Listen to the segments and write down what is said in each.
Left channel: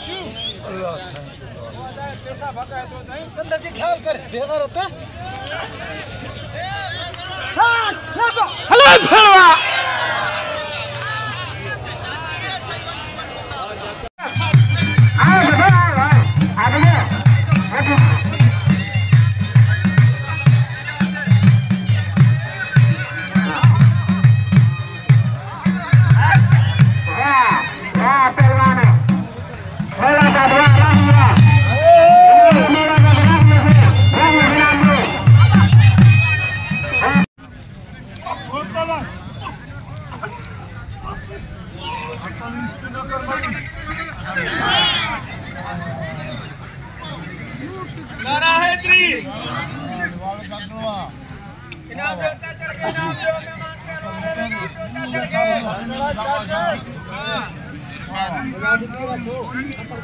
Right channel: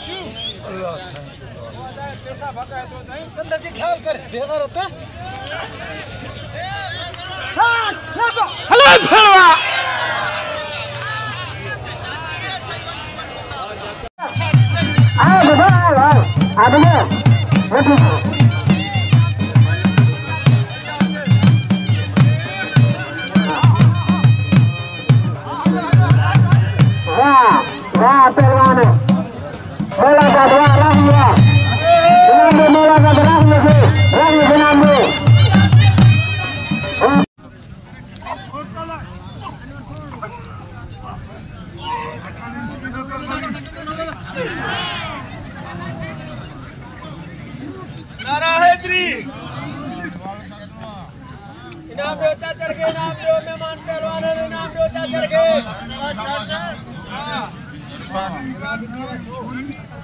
अल्लाह पैसा भगा तो नहीं अंदर से ख्याल कर बेकार होता हेलो फरवा नारा हैदरी इनाम दो चाचड़ के इनाम दो मेहमान पहलवान रे इनाम दो चाचड़ के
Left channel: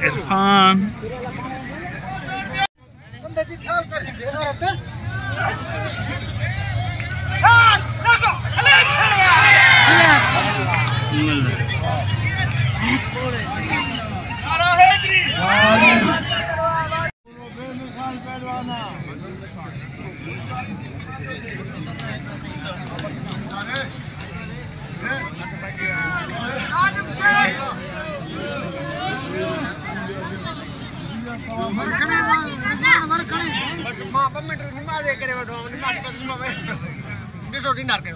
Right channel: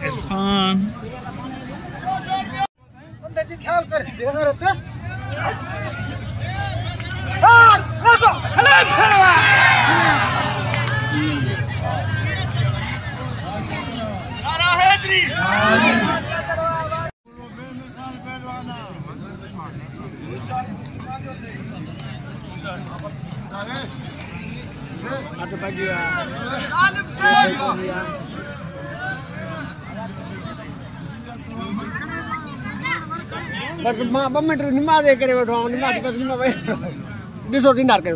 इरफान अंदर से ख्याल कर बेकार होता नारा हैदरी निमा दे करे दूसरो दिनार के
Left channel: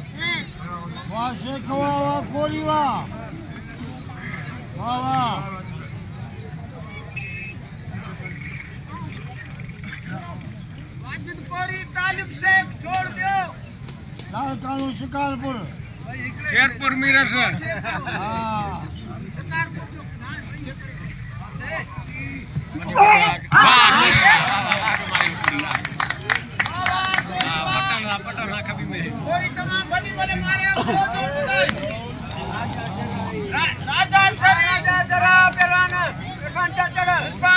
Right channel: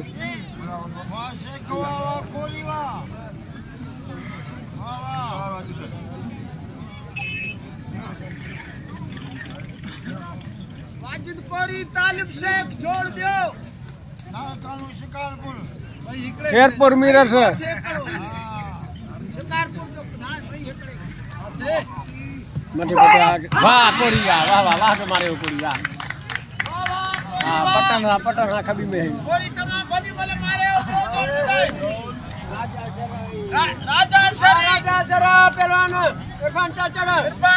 वाजिदपुरी तालिब शेख छोड़ दो शिकारपुर शेरपुर मीरर से शिकारपुर पटन कभी में राजा पहलवान